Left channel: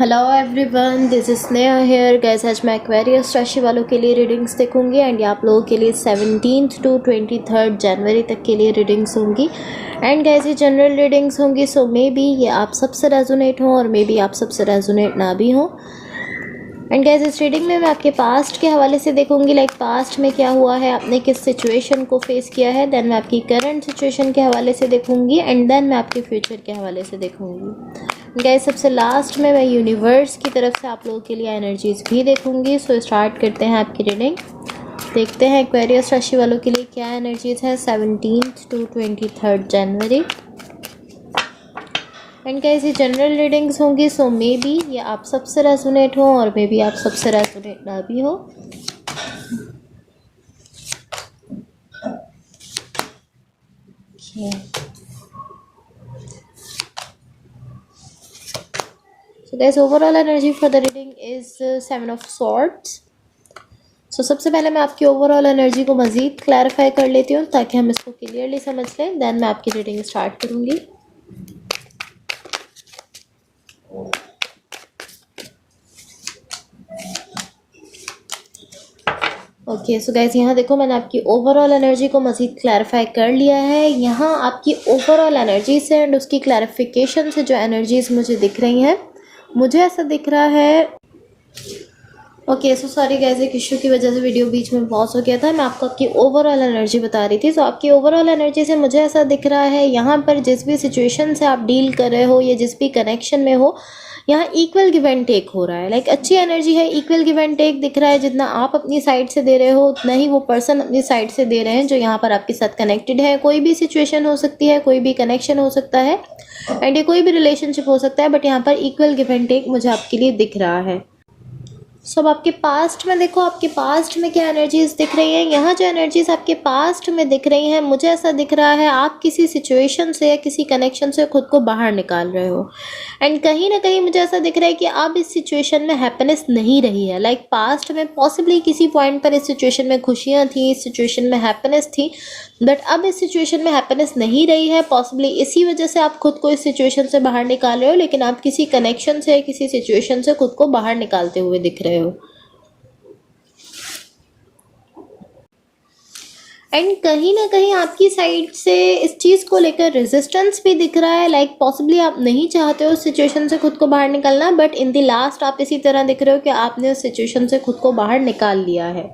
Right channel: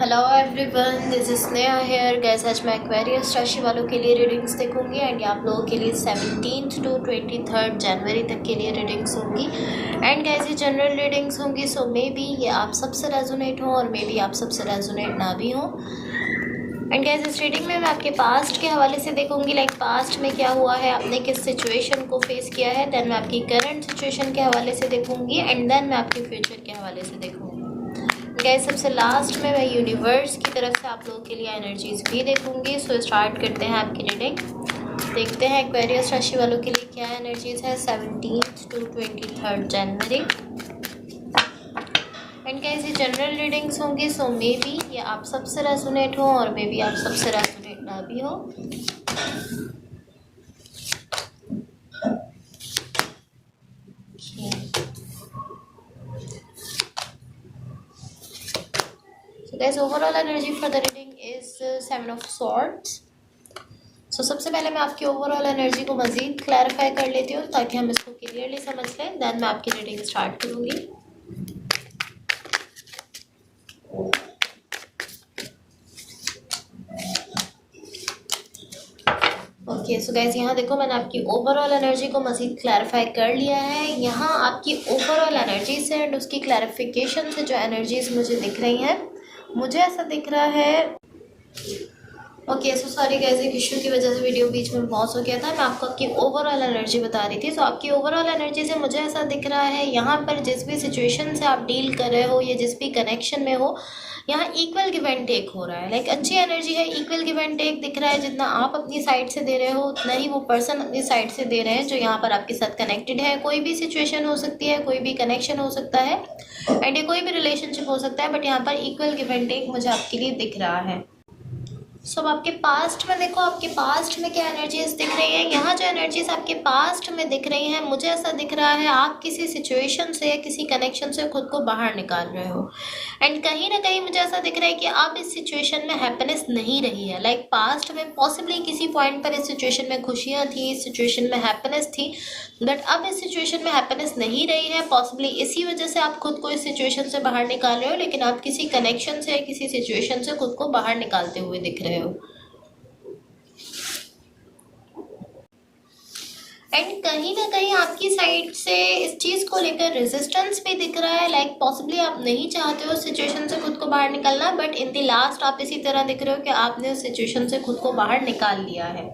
Hello everyone, this is Sneha hair guys. आज मैं Aquarius राशि वालों के लिए रीडिंग्स देखूंगी एंड आप लोगों के लिए 17 टू 23 जनवरी तक के लिए रीडिंग्स होंगी। एंड गाइस ये जनरल रीडिंग्स होंगी, सो मे बी ये आप सबसे रेजोनेट हो और मे बी आप सबसे रेजोनेट ना भी हो। एंड गाइस इस रीडिंग में मैं आपके पास्ट के हवाले से देखूंगी, लाइक पास्ट में क्या हुआ है, आपने किस सिचुएशन को फेस किया है। देन मैं आपकी करंट सिचुएशन के हवाले से देखूंगी एंड देन मैं आपके फ्यूचर के हवाले से देखूंगी। गाइस सबसे लास्ट में मैं यूनिवर्स की तरफ से आप लोगों के लिए एनर्जीज भी देखूंगी। सो स्टार्ट करते हैं आपकी रीडिंग। देखते हैं एक्वेरियस राशि वालों के लिए क्या एनर्जीज है 17 टू 23 जनवरी। एंड गाइस ये जनरल रीडिंग्स होंगी, सो मे बी ये आप सबसे रेजोनेट हो और मे बी आप सबसे रेजोनेट ना भी हो। So guys, overall energy for the reading is 7 of Swords. So सबसे पहले मैं आपकी ओवरऑल एनर्जी को मज़ीद क्लैरिफाई कर लेती हूँ ताकि हम इसको क्लियरली समझ लें। देन मैं आपकी रीडिंग स्टार्ट करूँगी। ओके सो गाइस यहाँ देखो, मैंने आपकी ओवरऑल एनर्जी को मज़ीद क्लैरिफाई कर लिया है। यहाँ आपकी ओवरऑल एनर्जी से एंड उसकी क्लैरिफिकेशन से जो एनर्जीज मुझे दिख रही हैं, मुझे ऐसा दिख रहा है। ओके सो सॉरी गाइस, एक इशू की वजह से वीडियो बीच में पॉज हो गया था। मैं आपको आपकी ओवरऑल एनर्जी बता रही थी। सो आपकी ओवरऑल एनर्जी से मुझे ऐसा दिख रहा है, यहाँ पर जिस भी सिचुएशन से आप डील कर रहे हो या जिस भी कनेक्शन में हो, यहाँ इक्वल गिव एंड टेक हो रहा है। लाइक अच्छी एनर्जी है, इक्वल गिव एंड टेक दिख रहा है। जितना आप अपनी साइड से दे रहे हो उतना ही वो पर्सन अपनी साइड से दे रहे हैं जो यहाँ पर आपके साथ कनेक्टेड है। कोई भी सिचुएशन हो सकती है, कोई भी कनेक्शन हो सकता है एंड ये कोई भी रिलेशनशिप हो सकता है, बट यहाँ पर इक्वल गिव एंड टेक मुझे आपके लिए दिख रहा है। सब आपके पास्ट में देखो, आपके पास्ट में क्या एनर्जीज दिख रही है। यहाँ जो एनर्जीज आपके पास्ट में दिख रही हैं, मुझे ऐसा दिख रहा है आप किसी सिचुएशन से या किसी कनेक्शन से खुद को बाहर निकाल रहे हो। एंड कहीं ना कहीं मुझे ऐसा दिख रहा है कि अब इस सिचुएशन में हैप्पीनेस नहीं रही है। लाइक पास्ट में पॉसिबली किसी पॉइंट पर इस सिचुएशन में खुशियाँ थी, इस सिचुएशन में हैप्पीनेस थी, बट अब इस सिचुएशन में हैप्पीनेस नहीं रही है। पॉसिबली इसी वजह से आप खुद को इस सिचुएशन से बाहर निकाल रहे हो, लेकिन आप किसी कनेक्शन से या किसी सिचुएशन से खुद को बाहर निकालते हुए दिख रहे हो। एंड कहीं ना कहीं आपकी साइड से इस चीज़ को लेकर रेजिस्टेंस भी दिख रहा है। लाइक पॉसिबली आप नहीं चाहते हो उस सिचुएशन से खुद को बाहर निकालना, बट इन द लास्ट आप इसी तरह दिख रहे हो कि आपने उस सिचुएशन से खुद को बाहर निकाल लिया है।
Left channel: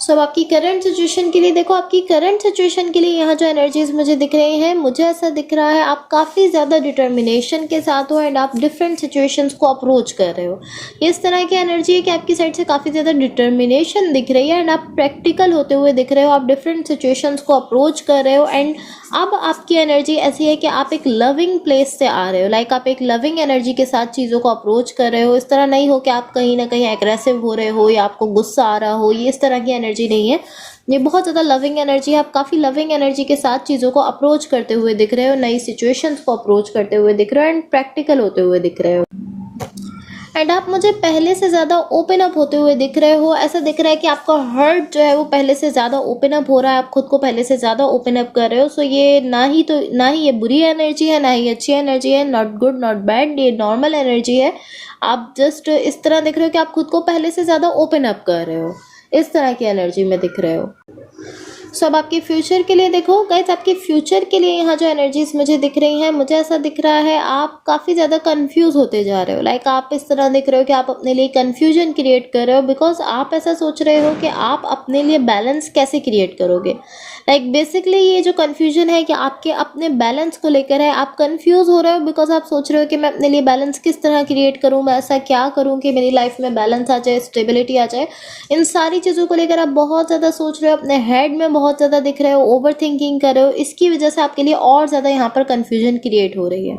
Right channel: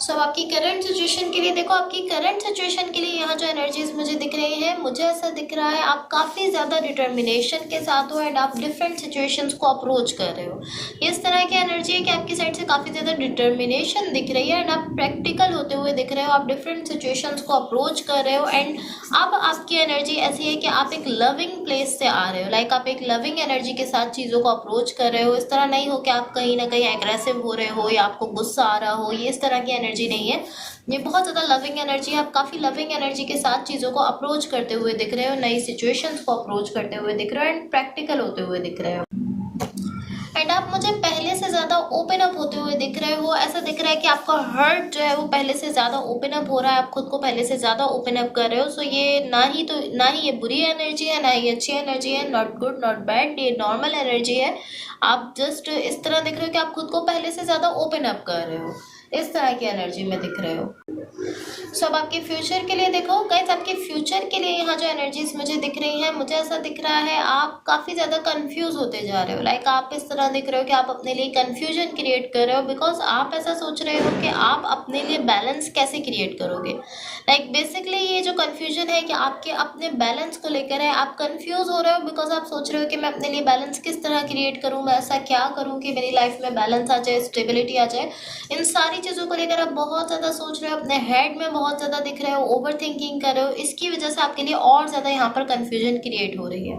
सब आपकी करंट सिचुएशन के लिए देखो, आपकी करंट सिचुएशन के लिए यहाँ जो एनर्जीज मुझे दिख रही हैं, मुझे ऐसा दिख रहा है आप काफ़ी ज़्यादा डिटर्मिनेशन के साथ हो एंड आप डिफरेंट सिचुएशंस को अप्रोच कर रहे हो। इस तरह की एनर्जी है कि आपकी साइड से काफ़ी ज़्यादा डिटर्मिनेशन दिख रही है एंड आप प्रैक्टिकल होते हुए दिख रहे हो। आप डिफरेंट सिचुएशंस को अप्रोच कर रहे हो एंड अब आपकी एनर्जी ऐसी है कि आप एक लविंग प्लेस से आ रहे हो। लाइक आप एक लविंग एनर्जी के साथ चीज़ों को अप्रोच कर रहे हो। इस तरह नहीं हो कि आप कहीं ना कहीं एग्रेसिव हो रहे हो या आपको गुस्सा आ रहा हो, ये इस तरह की एनर्जी नहीं है। ये बहुत ज़्यादा लविंग एनर्जी है। आप काफ़ी लविंग एनर्जी के साथ चीज़ों को अप्रोच करते हुए दिख रहे हो, नई सिचुएशंस को अप्रोच करते हुए दिख रहे हो एंड प्रैक्टिकल होते हुए दिख रहे हो। एंड आप मुझे पहले से ज़्यादा ओपन अप होते हुए दिख रहे हो। ऐसा दिख रहा है कि आपका हार्ट जो है वो पहले से ज़्यादा ओपन अप हो रहा है, आप खुद को पहले से ज़्यादा ओपन अप कर रहे हो। सो ये ना ही ये बुरी एनर्जी है, ना ही अच्छी एनर्जी है, नॉट गुड नॉट बैड, ये नॉर्मल एनर्जी है। आप जस्ट इस तरह दिख रहे हो कि आप खुद को पहले से ज़्यादा ओपन अप कर रहे हो, इस तरह की एनर्जी में दिख रहे हो। सो अब आपके फ्यूचर के लिए देखो गाइस, आपके फ्यूचर के लिए यहाँ जो एनर्जीज मुझे दिख रही हैं, मुझे ऐसा दिख रहा है आप काफ़ी ज़्यादा कंफ्यूज होते जा रहे हो। लाइक आप इस तरह दिख रहे हो कि आप अपने लिए कंफ्यूजन क्रिएट कर रहे हो, बिकॉज आप ऐसा सोच रहे हो कि आप अपने लिए बैलेंस कैसे क्रिएट करोगे। लाइक बेसिकली ये जो कंफ्यूजन है कि आपके अपने बैलेंस को लेकर है, आप कंफ्यूज हो रहे हो बिकॉज आप सोच रहे हो कि मैं अपने लिए बैलेंस किस तरह क्रिएट करूँ, मैं ऐसा क्या करूँ कि मेरी लाइफ में बैलेंस आ जाए, स्टेबिलिटी आ जाए। इन सारी चीज़ों को लेकर आप बहुत ज़्यादा सोच रहे हो, अपने हेड में बहुत ज़्यादा दिख रहे हो, ओवर थिंकिंग कर रहे हो। इसकी वजह से आपके लिए और ज़्यादा यहाँ पर कन्फ्यूजन क्रिएट हो रही है।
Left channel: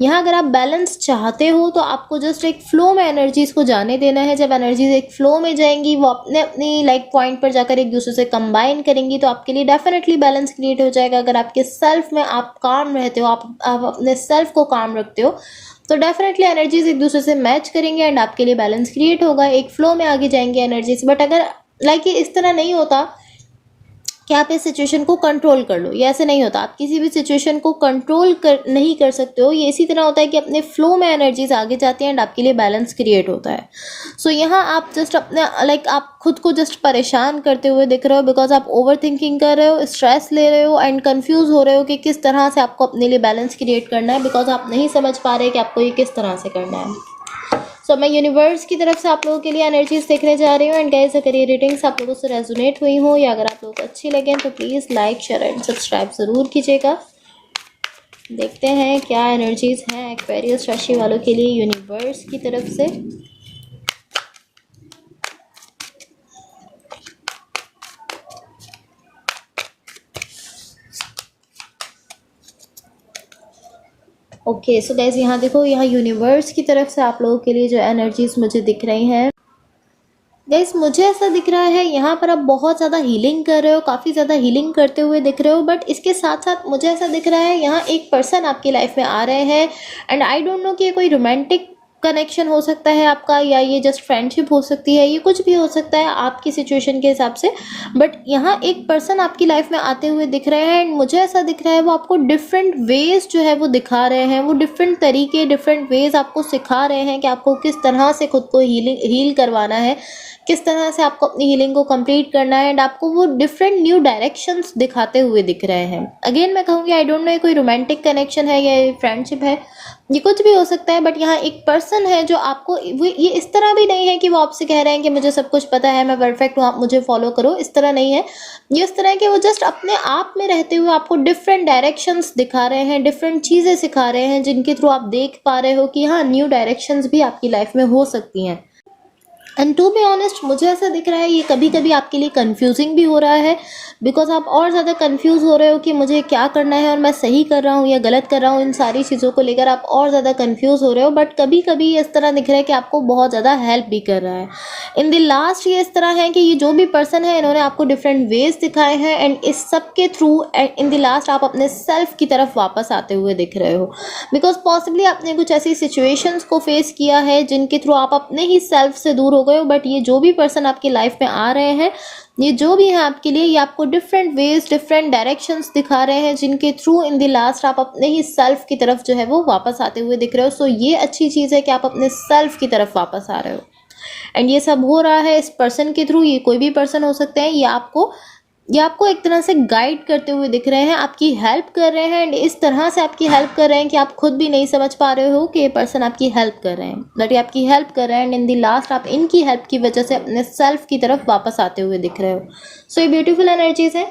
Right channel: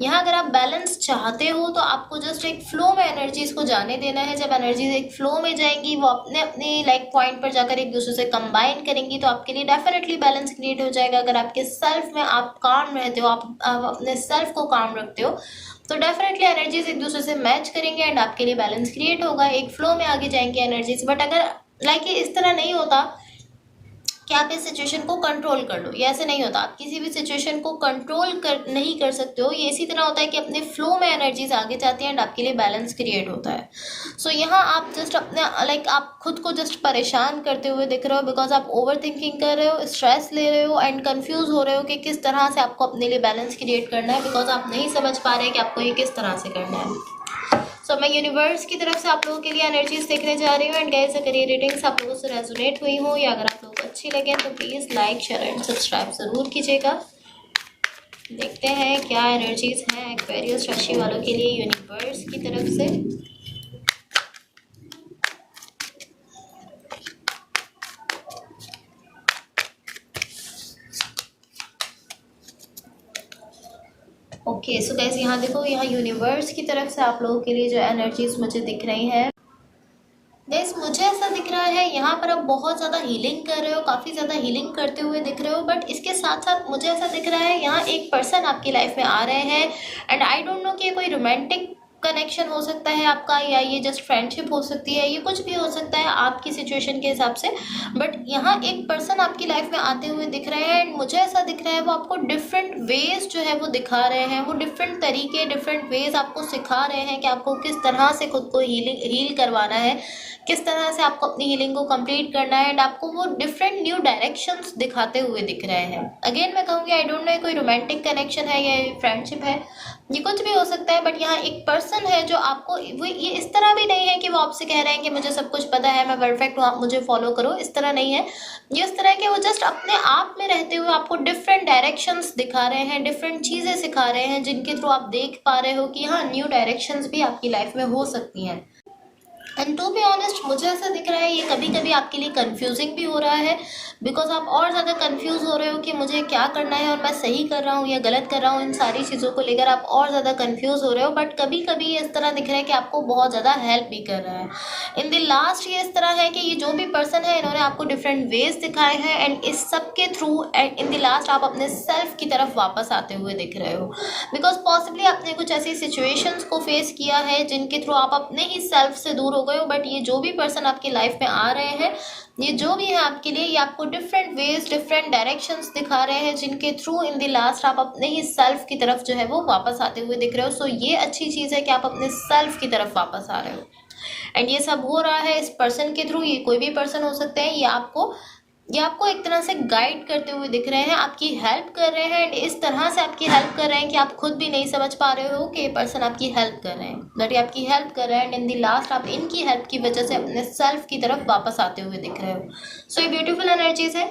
यहाँ अगर आप बैलेंस चाहते हो तो आपको जस्ट एक फ्लो में एनर्जीज को जाने देना है। जब एनर्जीज एक फ्लो में जाएंगी, वो अपने अपनी लाइक पॉइंट पर जाकर एक दूसरे से कंबाइन करेंगी, तो आपके लिए डेफिनेटली बैलेंस क्रिएट हो जाएगा। अगर आपके सेल्फ में आप काम रहते हो, आप अपने सेल्फ को काम रखते हो, तो डेफिनेटली एनर्जीज एक दूसरे से मैच करेंगे एंड आपके लिए बैलेंस क्रिएट होगा, एक फ्लो में आगे जाएंगे एनर्जीज। बट अगर लाइक ये इस तरह नहीं होता कि आप इस सिचुएशन को कंट्रोल कर लो। ये ऐसे नहीं होता, आप किसी भी सिचुएशन को कंट्रोल नहीं कर सकते हो। ये इसी तरह होता है कि अपने फ्लो में एनर्जीज आगे जाती हैं एंड आपके लिए बैलेंस क्रिएट होता है। सो यहाँ आप जस्ट अपने आप खुद को जस्ट परेशान करते हुए दिख रहे हो, बिकॉज आप ओवर थिंकिंग कर रहे हो, स्ट्रेस ले रहे हो एंड कन्फ्यूज हो रहे हो कि किस तरह से आपको अपने लिए बैलेंस क्रिएट करना है, बिकॉज आप नहीं समझ पा रहे कि आपको ये किस तरह से करना है। सो मैं यूनिवर्स की तरफ से आप लोगों के लिए एनर्जीज देखने जा रही हूँ एंड गाइस, अगर ये रीडिंग्स आप लोगों से रेजोनेट हुई हो या अगर आप लोगों को अच्छी लगे तो please like share and subscribe ज़रूर कीजिएगा। देखते हैं क्या एनर्जीज हैं एक्वेरियस राशि वालों के लिए यूनिवर्स की तरफ से। ओके सो गाइस, यहाँ देखो, यहाँ यूनिवर्स की तरफ से आप लोगों के लिए जो एनर्जीज मुझे दिख रही हैं गाइस, मुझे ऐसा दिख रहा है यहाँ पर आप बहुत ज़्यादा हीलिंग कर रहे हो, काफ़ी ज़्यादा हीलिंग करते हुए दिख रहे हो। बट इसके साथ साथ मुझे ऐसा दिख रहा है यहाँ एक पर्सन आपकी लाइफ में आ रहे हैं एंड आई डोंट नो कि ये कोई रोमांटिक कनेक्शन हो सकता है आपका, या ये जस्ट फ्रेंडशिप हो सकती है, ये कुछ भी हो सकता है आपकी सिचुएशन के हिसाब से। बट यहाँ एक पर्सन आपकी लाइफ में आते हुए दिख रहे हैं एंड मुझे ऐसा दिख रहा है वो आपको डिफरेंट वेज जो है वो दिखा रहे हैं, वो डिफरेंट तरीके, डिफरेंट वेज आपको सिखा रहे हैं कि आपको किस तरह से खुद को हील करवाना है, किस तरह से आपको अपनी हीलिंग को कंप्लीट करना है एंड आपको वो डिफरेंट न्यू डायरेक्शंस दिखाते हुए दिख रहे हैं। अगेन मैं कहूँगी, आई डोंट नो ये कोई रोमांटिक कनेक्शन है या फ्रेंडशिप है, ये कुछ भी हो सकता है। बट यहाँ एक पर्सन है जो आपको, वो ये इस तरह भी नहीं है कि वो आपसे कह रहे हैं कि मुझे सब कुछ पता है, मैं परफेक्ट हूँ, आप मुझे फॉलो करो, इस तरह नहीं है। ये इस तरह के वो जस्ट अपने आप में रहते हुए आपको डिफरेंट डायरेक्शंस दिखा रहे हैं, डिफरेंट चीज़ें सिखा रहे हैं, जिनके थ्रू आप देख पा रहे हो कि हाँ, न्यू डायरेक्शंस भी आपकी लाइफ में हो सकती हैं। एंड टू बी ऑनेस्ट, मुझे ऐसा दिख रहा है ये कभी कभी आपके लिए कंफ्यूजिंग भी हो रहा है, बिकॉज आप और ज़्यादा कंफ्यूज हो रहे हो कि मुझे क्या करना है और मैं सही कर रहा हूँ या गलत कर रहा हूँ। इन सारी चीज़ों को लेकर आप और ज़्यादा कंफ्यूज हो रहे हो। बट कभी कभी ये इस तरह दिख रहा है कि आपको बहुत ज़्यादा हेल्प भी कर रहा है। इन द लास्ट ये इस तरह है कि ये जो भी पर्सन है, इन्होंने आपको डिफरेंट वेज दिखाए हैं एंड इस सब के थ्रू इन द लास्ट आप अपने सेल्फ की तरफ वापस आते हुए दिख रहे हो, बिकॉज पॉसिबली आपने कुछ ऐसी सिचुएशंस को फेस किया है जिनके थ्रू आप अपने ही सेल्फ से दूर हो गए हो। बट ये जो भी पर्सन आपकी लाइफ में आ रहे हैं, ये जो भी है आपके लिए, ये आपको डिफरेंट वेज, डिफरेंट डायरेक्शंस दिखा रहे हैं, जिनके थ्रू इन द लास्ट आप अपने ही सेल्फ की तरफ जो है वो वापस आते हुए दिख रहे हो। सो ये अच्छी चीज़ है कि आप अपने सेल्फ की तरफ वापस आ रहे हो एंड ये सब हो रहा है इस पर्सन के थ्रू। ये कोई भी पर्सन हो सकते हैं, ये आपको एक तरह से गाइड करते हुए दिख रहे हैं, आपकी हेल्प कर रहे हैं एंड इस तरह से आपकी हेल्प कर रहे हैं कि आप खुद भी नहीं समझ पा रहे हो कि ये पर्सन आपकी हेल्प कर रहे हैं, बट ये आपकी हेल्प कर रहे हैं एंड इन दी लास्ट आप इनकी हेल्प की वजह से अपने सेल्फ की तरफ वापस आते हुए दिख रहे हो। सो ये ब्यूटीफुल एनर्जीज है।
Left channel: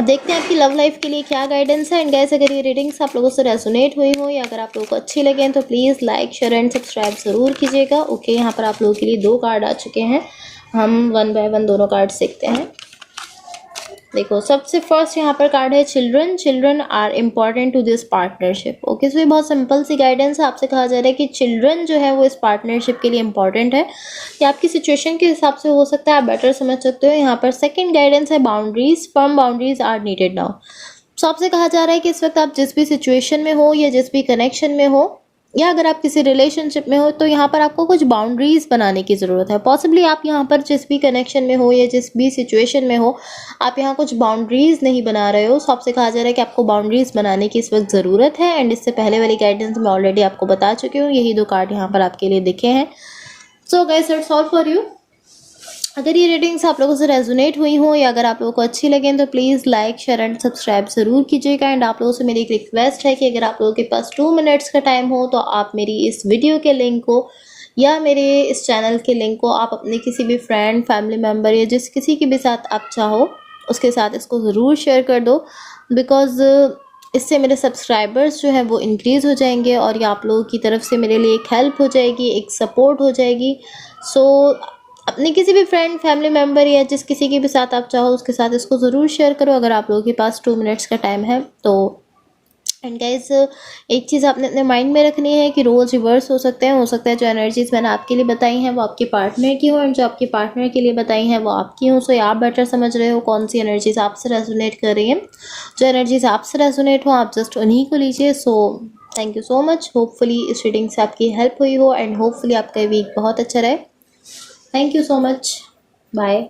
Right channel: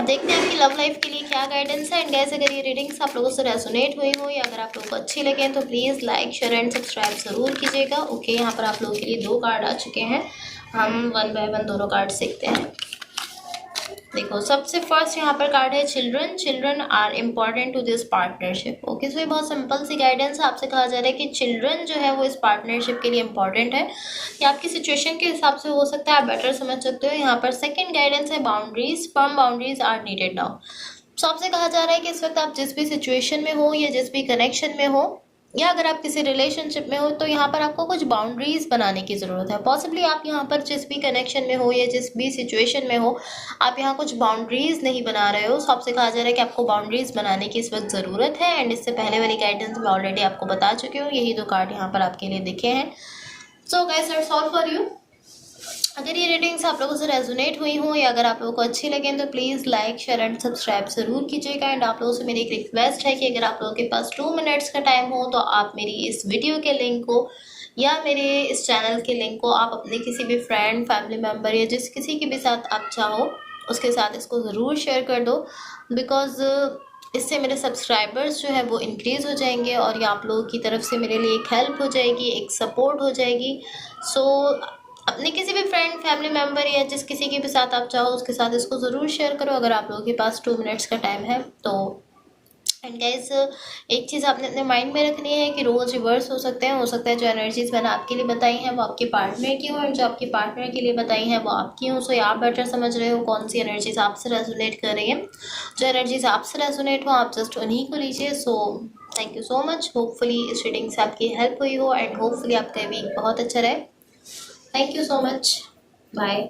देखते हैं आपकी लव लाइफ के लिए क्या गाइडेंस है। एंड गाइस, अगर ये रीडिंग्स आप लोगों से रेजोनेट हुई हो या अगर आप लोगों को अच्छी लगे तो please like share and subscribe ज़रूर कीजिएगा। ओके, यहाँ पर आप लोगों के लिए 2 कार्ड आ चुके हैं, हम 1 बाय 1 दोनों कार्ड देखते हैं। देखो, सबसे फर्स्ट यहाँ पर कार्ड है children. Children are important to this partnership. Okay, so ये बहुत सिंपल सी गाइडेंस है। आपसे कहा जा रहा है कि चिल्ड्रन जो है वो इस पार्टनरशिप के लिए इम्पॉर्टेंट है। ये आपकी सिचुएशन के हिसाब से हो सकता है, आप बेटर समझ सकते हो। यहाँ पर सेकंड गाइडेंस है boundaries, firm boundaries are needed now. So आपसे कहा जा रहा है कि इस वक्त आप जिस भी सिचुएशन में हो या जिस भी कनेक्शन में हो या अगर आप किसी रिलेशनशिप में हो, तो यहाँ पर आपको कुछ बाउंड्रीज बनाने की ज़रूरत है। पॉसिबली आप यहाँ पर जिस भी कनेक्शन में हो या जिस भी सिचुएशन में हो, आप यहाँ कुछ बाउंड्रीज नहीं बना रहे हो। सो आपसे कहा जा रहा है कि आपको बाउंड्रीज बनाने की इस वक्त ज़रूरत है एंड इससे पहले वाली गाइडेंस मैं ऑलरेडी आपको बता चुकी हूँ। यही 2 कार्ड यहाँ पर आपके लिए दिखे हैं। So guys, that's all for you. अगर ये रीडिंग्स आप लोगों से रेजोनेट हुई हो या अगर आप लोगों को अच्छी लगें तो please like share and subscribe ज़रूर कीजिएगा। एंड आप लोगों से मेरी एक रिक्वेस्ट है कि अगर आप लोगों के पास 2 मिनट्स का टाइम हो तो आप मेरी इस वीडियो के लिंक को या मेरे इस चैनल के लिंक को आप अपने किसी भी फ्रेंड, फैमिली मेम्बर या जिस किसी के भी साथ आप चाहो उसके साथ इसको ज़रूर शेयर कर दो, बिकॉज़ इससे मेरे सब्सक्राइबर्स जो है वो इंक्रीज़ हो जाएंगे और ये आप लोगों की तरफ से मेरे लिए एक हेल्प हो जाएगी, एक सपोर्ट हो जाएगी। सो अपने किसी भी फ्रेंड, फैमिली मेम्बर या जिस किसी के भी साथ आप चाहो उसके साथ इसको ज़रूर शेयर करो अगर आप लोगों के पास 2 मिनट्स का टाइम है तो। एंड गाइस, एक चीज़ आपने अपने माइंड में रखनी है कि रोल्स रिवर्स हो सकते हैं। हो सकता है जो एनर्जीज़ मैंने आपके लिए बताई हैं वो आपके पार्टनर की हो एंड जो आपके पार्टनर के लिए बताई हैं वो आपकी हो। सो आप बेटर समझ रहे हो कौन सी एनर्जीज़ आपसे रेजोनेट कर रही हैं। जो एनर्जीज़ आपसे रेजोनेट हो आप जस्ट उन्हीं को लीजिए। So thank you so much. Hopefully इस रीडिंग से आपकी हेल्प हुई हो एंड होपफुली आपका वीक बहुत अच्छा रहे। Thank you so much. Bye.